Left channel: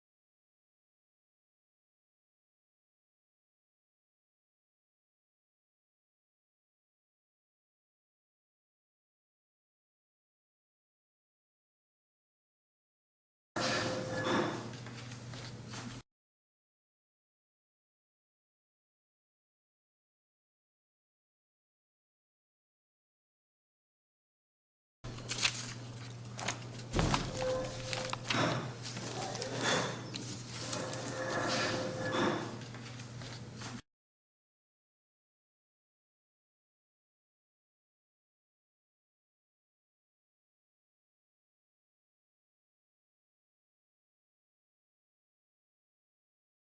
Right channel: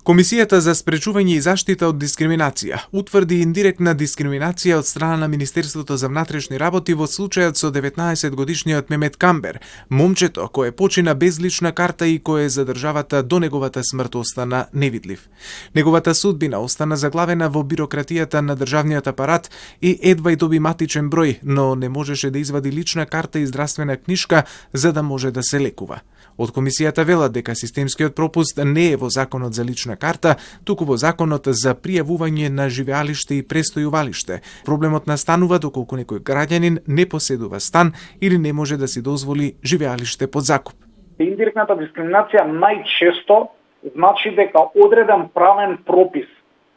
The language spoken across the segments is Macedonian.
Комисијата за спречување и заштита од дискриминација утврди индиректна дискриминација од страна на Министерството за внатрешни работи во случајот со 19-годишниот Мемет Камбер, момчето кое почина без лична карта и кое за државата до неговата смрт остана невидлив. Неговата судбина остана заглавена во бирократијата на државниот апарат и едва и доби матичен број, но не можеше да извади лична карта и здравствена книшка за да може да се лекува. Од комисијата велат дека системскиот пропуст не е во законот за лична карта, туку во законот за пријавување на живеалиште и престојувалиште. Проблемот настанува доколку некој граѓанин не поседува стан или не може да си дозволи живеалиште под закуп. Индиректната дискриминација најчесто значи дека одреден правен пропис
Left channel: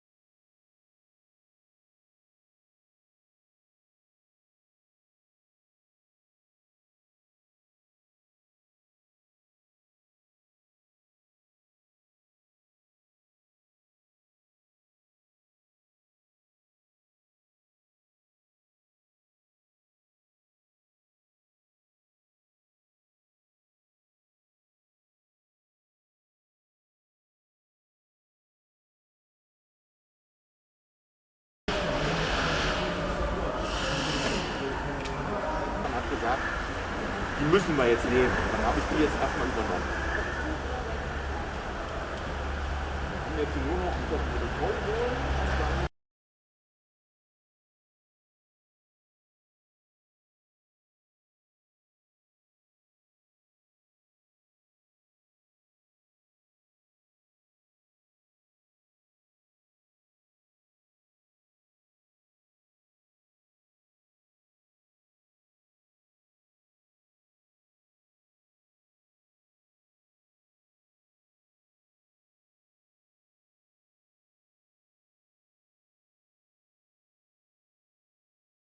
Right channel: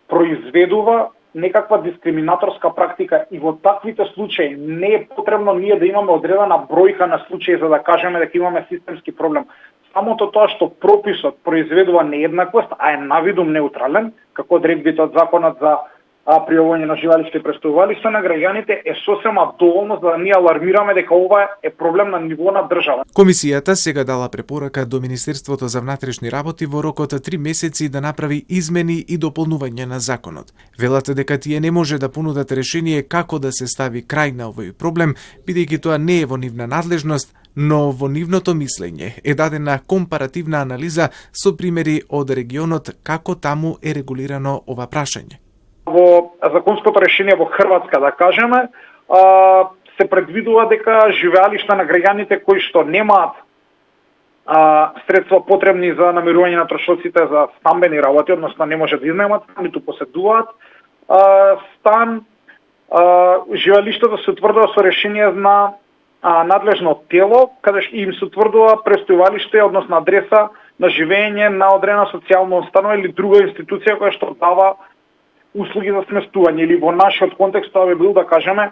произведува некаква дискриминаторска практика и во таквите случаи не е потребно ние да имаме одредена бројка на случаи за да кажеме дека имаме системски проблем. Самото тоа што прописот произведува нееднаквост, а е навидум неутрален, како одредбите од законот за пријавување на живеалиште и престојувалиште на граѓаните, е сосема доволно за да ние алармираме дека ова е проблем на ниво на држава. Комисијата сега дала препорака до Министерството за внатрешни работи во рок од 3 месеци да направи измени и дополнување на законот. Велат дека тие не може да понудат решение како да се стави крај на овој проблем, бидејќи тоа не е во нивна надлежност, но во нивното мислење е дадена компаративна анализа со примери од регионот како таму е регулирано ова прашање. Во законското решение во Хрватска, да кажеме, се предвидува дека живеалишта на граѓаните кои што немаат средства потребни за намирување на трошоците за стамбени работи, односно не може да изнаемат, ниту поседуваат стан, живеалиштето се утврдува со решение на надлежно тело, каде им се утврдува престојувалиште, односно адреса на живење на одредена социјална установа или друга институција која што дава услуги за сместување, или во нашиот контекст тоа би бил, да кажеме,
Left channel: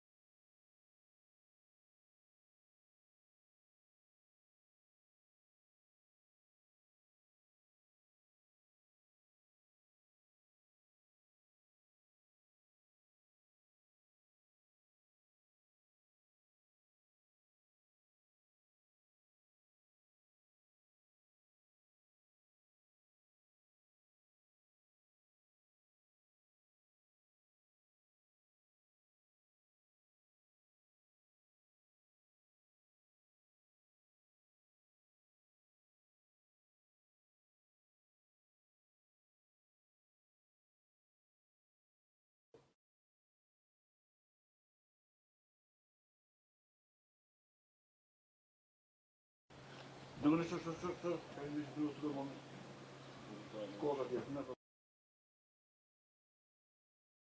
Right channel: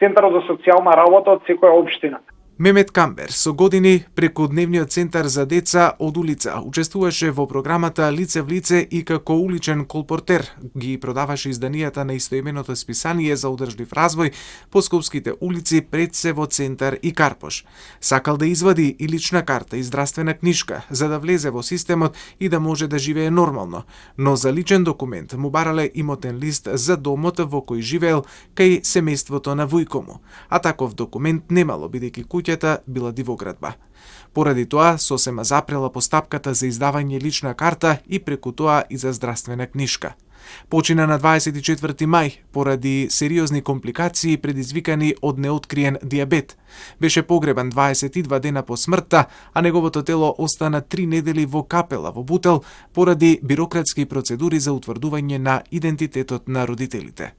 Центарот за социјална работа од секоја општина. Мемет Камбер со години преку Дневниот центар за деца од улица учествуваше во програмата Лице в лице и како уличен колпортер ги продаваше изданијата на истоименото списание за одржлив развој по скопските улици Предсево, Центар и Карпош. Сакал да извади и лична карта и здравствена книшка за да влезе во системот и да може да живее нормално, но за личен документ му барале имотен лист за домот во кој живеел кај семејството на вујко му, а таков документ немало бидејќи куќата била дивоградба. Поради тоа, сосема запрела постапката за издавање лична карта и преку тоа и за здравствена книшка. Почина на 24 мај поради сериозни компликации предизвикани од неоткриен дијабет. Беше погребан 22 дена по смртта, а неговото тело остана 3 недели во капела во Бутел поради бирократски процедури за утврдување на идентитетот на родителите.